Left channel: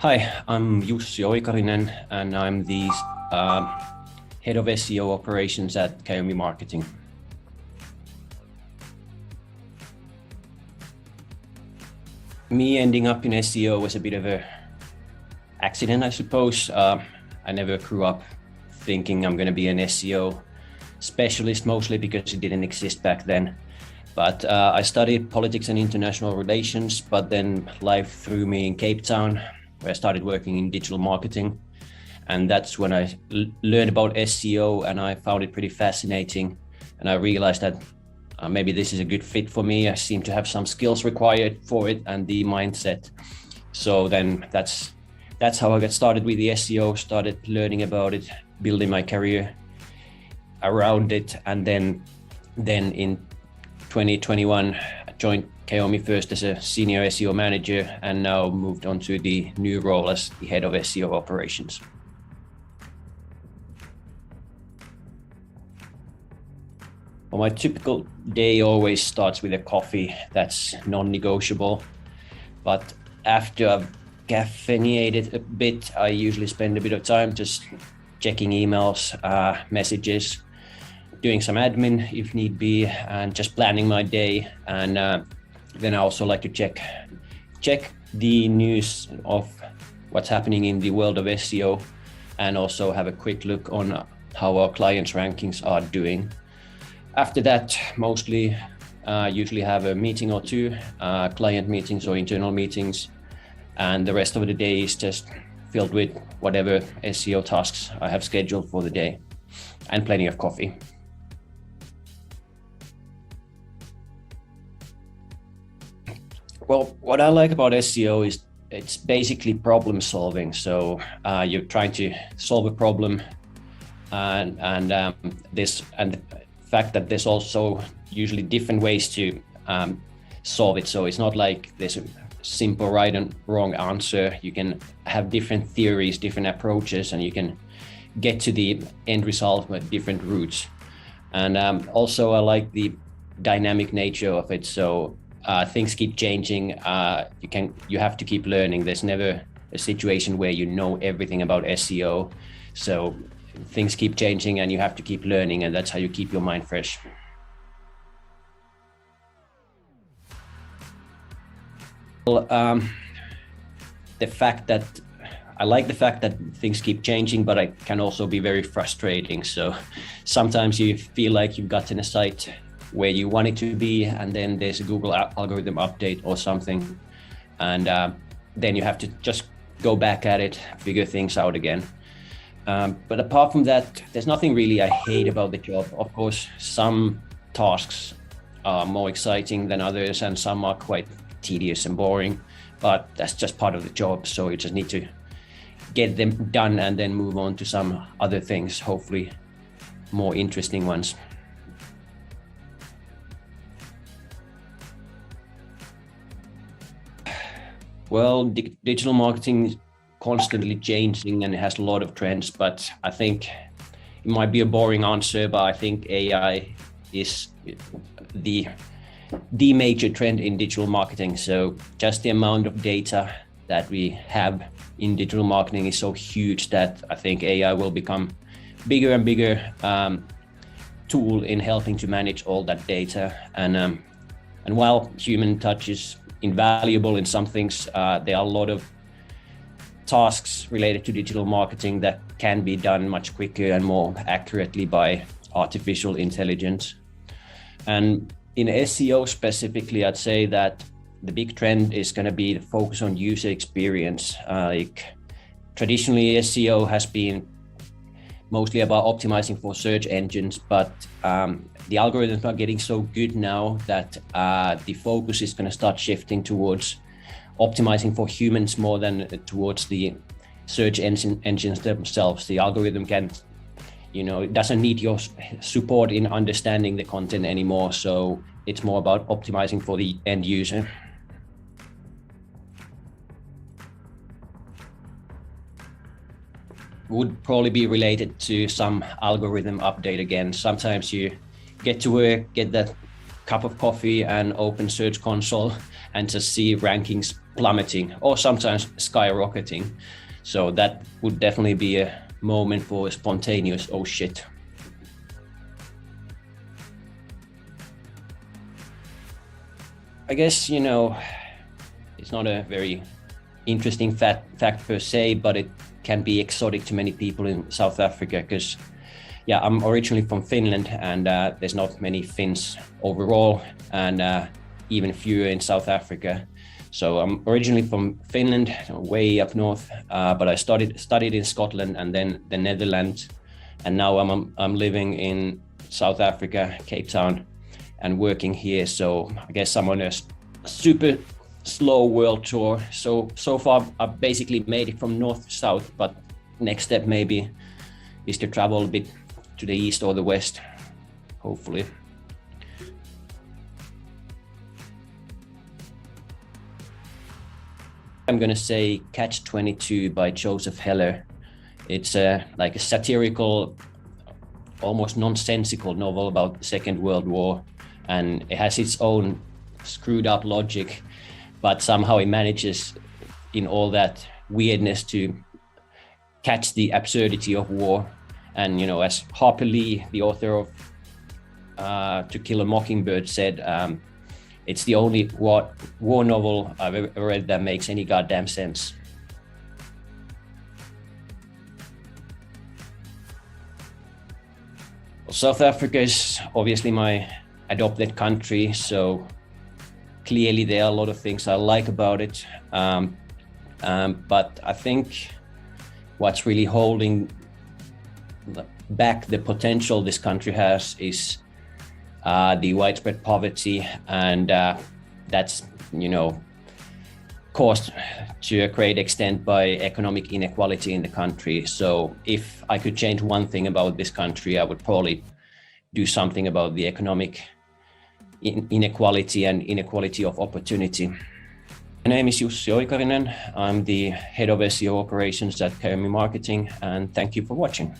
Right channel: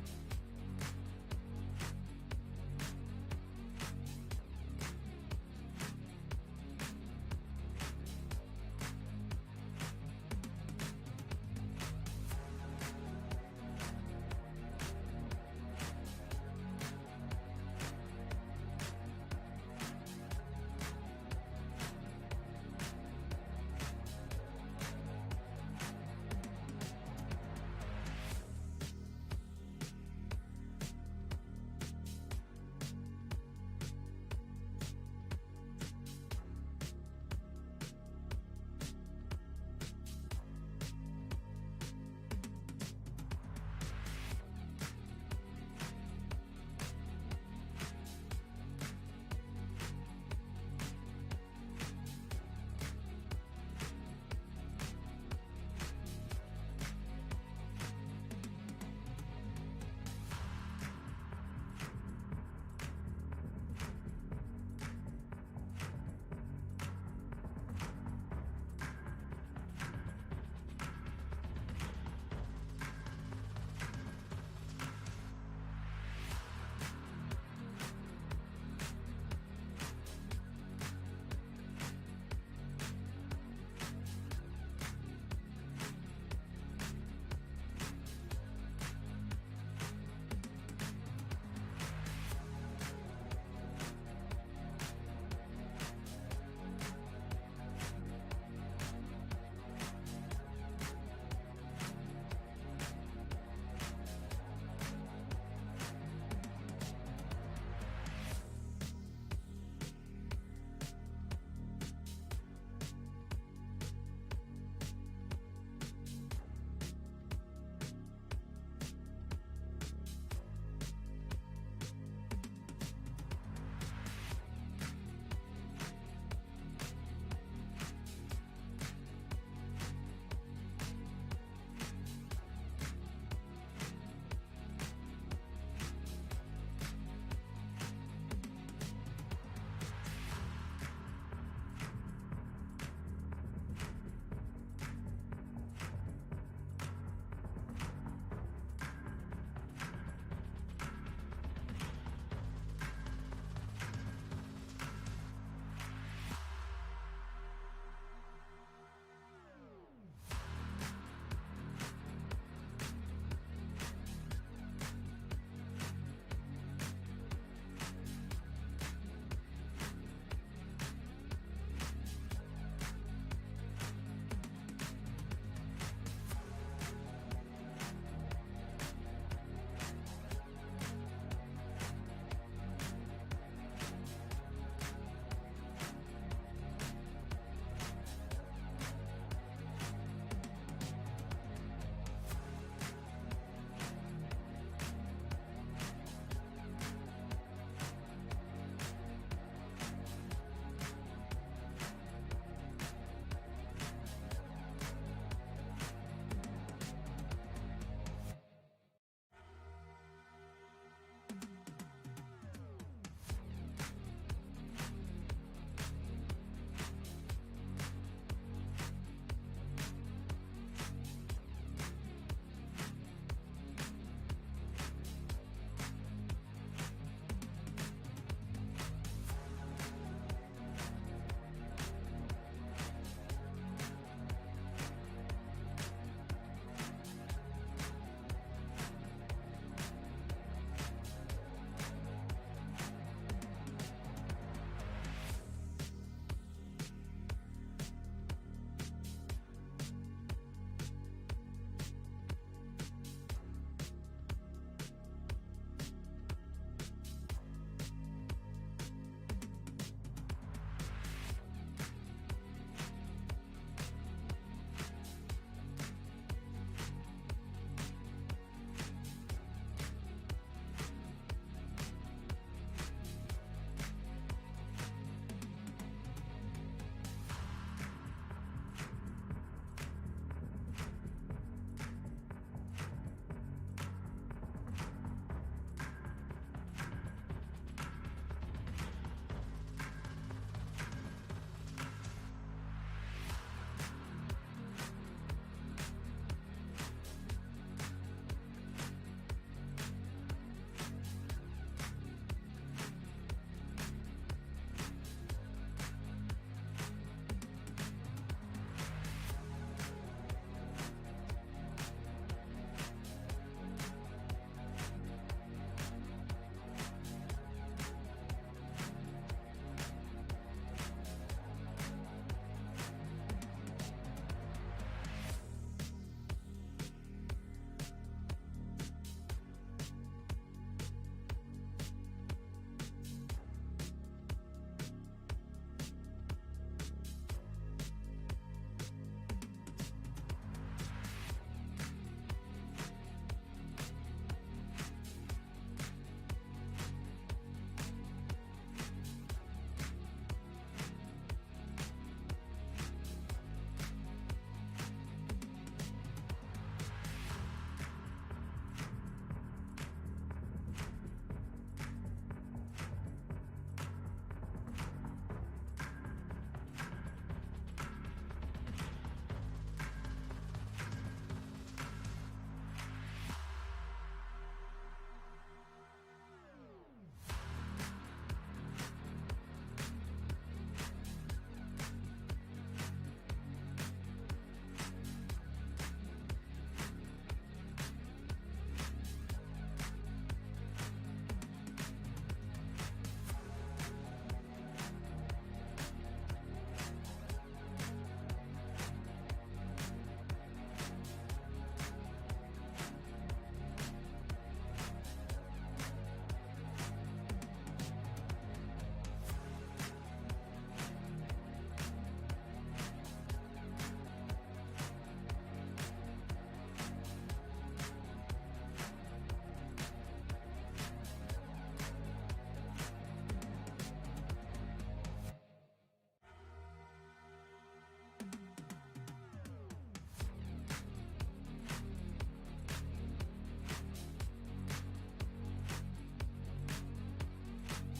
Hi, I'm Jussi Oikarinen, and I'm the head of SEO operations at Kaomi Marketing. Me ending up in SEO was a bit of an accident, I suppose. I never grew up thinking I'm going to be an SEO specialist, mostly because it didn't exist back then. But I studied politics and international relations, but then life threw me in Cape Town, where I started working in digital marketing. And that's when I learned about SEO, and I found it pretty fascinating. And I realized that maybe this is a good fit for me. I seem to have some skills required for it and the mindset. So then that's how I got started with the SEO, started learning about it, building my career around it. And then in 2021, I joined Kaomi first as a senior SEO manager, and now moved on to the new role as the head of SEO operations. Well, my typical day always starts with a coffee. That's non-negotiable. But after I've caffeinated a bit, I usually spend a bit of time just checking emails, messages, doing some admin if need be, and just planning my day. And then I also like to check the news of what's happening in the world of SEO, and also have a quick look on how our clients' rankings are doing. After that, mostly usually have a meeting or two, client meetings or internal meetings, and the rest of the day is just filled with whatever SEO tasks I have scheduled for the day, and plenty of coffee. Well, what I like about SEO is it's basically problem solving. So you're trying to solve a problem, and the fact that there's also usually different ways to solve it. So it's not like there's a simple right and wrong answer. You can have different theories, different approaches, and you can get to the end result with different routes. And also I like the dynamic nature of it. So things keep changing. You have to keep learning. There's never a situation where you know everything about SEO. So things keep changing, and you have to keep learning, and that's how you keep your mind fresh. Well, I like the fact that things keep changing, but it can also be very frustrating. So sometimes you feel like you've gotten a site where you want it to be, and then there's a Google algorithm update or something, and then you have to just go back at it, figure things out again. But apart from that, there's nothing really I hate about the job. Of course, some tasks are more exciting than others, and some are quite tedious and boring, but that's just part of the job. So you just need to get them done and then move on to some other things, hopefully more interesting ones. Well, digital marketing is constantly changing, and it has a lot of trends, but I think it might be a boring answer, but I think AI is the major trend in digital marketing. So just the amount of data that we have in digital marketing is so huge that I think AI will become bigger and bigger tool in helping to manage all that data. And while human touch is invaluable in some things, there are a lot of tasks related to digital marketing that can be done much quicker and more accurately by artificial intelligence. And in SEO specifically, I'd say that the big trend is going to be the focus on user experience. Traditionally, SEO has been mostly about optimizing for search engines, but the algorithms are getting so good now that the focus is going to start shifting towards optimizing for humans more than towards the search engines themselves. The algorithm can, it doesn't need your support in understanding the content anymore. So it's more about optimizing for the end user. Would probably be related to some algorithm update again. Sometimes you get to work, get that cup of coffee and open Search Console and just see rankings plummeting or sometimes skyrocketing. So that would definitely be a moment for a spontaneous, oh shit. I guess, you know, it's not a very interesting fact per se, but it can be exotic to many people in South Africa because, yeah, I'm originally from Finland and there's not many Finns overall and even fewer in South Africa. So I'm originally from Finland, way up north, but I studied in Scotland and then the Netherlands, and now I'm living in South Africa, Cape Town, and working here. So I guess I'm on a super slow world tour. So far I've basically made it from north to south, but next step maybe is to travel a bit to the east or the west, hopefully. I'm gonna say Catch-22 by Joseph Heller. It's like a satirical, almost nonsensical novel about the Second World War, and it has its own screwed up logic, but somehow it manages in all that weirdness to catch the absurdity of war. And, you know, as Harper Lee, the author of To Kill a Mockingbird, said, it's the only war novel I've ever read that makes any goddamn sense. South Africa is obviously my adopted country, so clearly there are a lot of things I like about it. But I think what's really holding back the potential this country has is the widespread poverty, and that's, you know, caused to a great extent by economic inequality in the country. So if I could change one thing about this country, I would probably do something about the economic inequality and inequality of opportunity. My name is Jussi Oikarinen. I'm the head of SEO operations at Kaomi Marketing, and thank you for watching.